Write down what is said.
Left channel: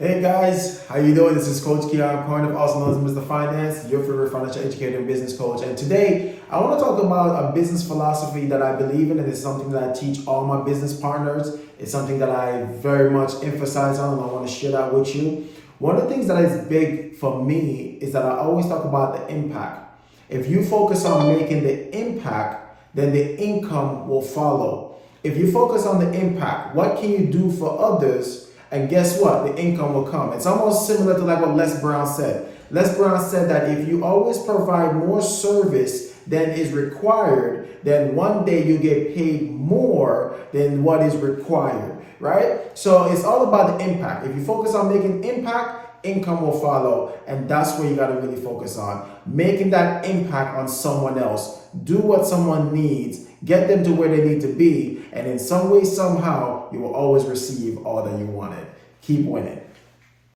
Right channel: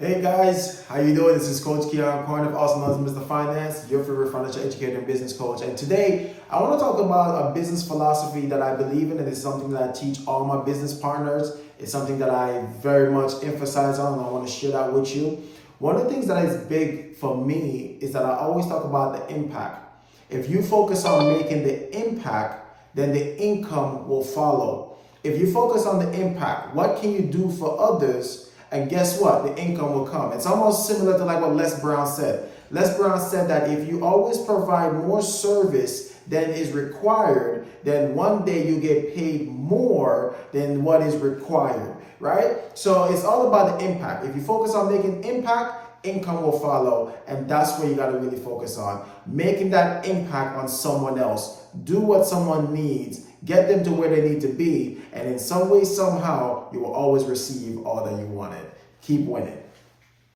Hey guys, how you doing? This is Coach Keon Corner, also known as Mr. Finance, your favorite financial educator and business coach. And today, I want to talk about a business philosophy that I believe in, and it's something that I teach all my business partners. It's something that I very much emphasize on, and I want to share that with you. One of the things that is big for me is that I always talk about the impact. If you focus on making the impact, then the income will follow. If you focus on the impact, what can you do for others? And guess what? The income will come. It's almost similar to like what Les Brown said. Les Brown said that if you always provide more service than is required, then one day you get paid more than what is required, right? So it's all about the impact. If you focus on making impact, income will follow. And that's where you got to really focus on. Making that impact on someone else. Do what someone needs. Get them to where they need to be. And in some way, somehow, you will always receive all that you wanted. Keep winning.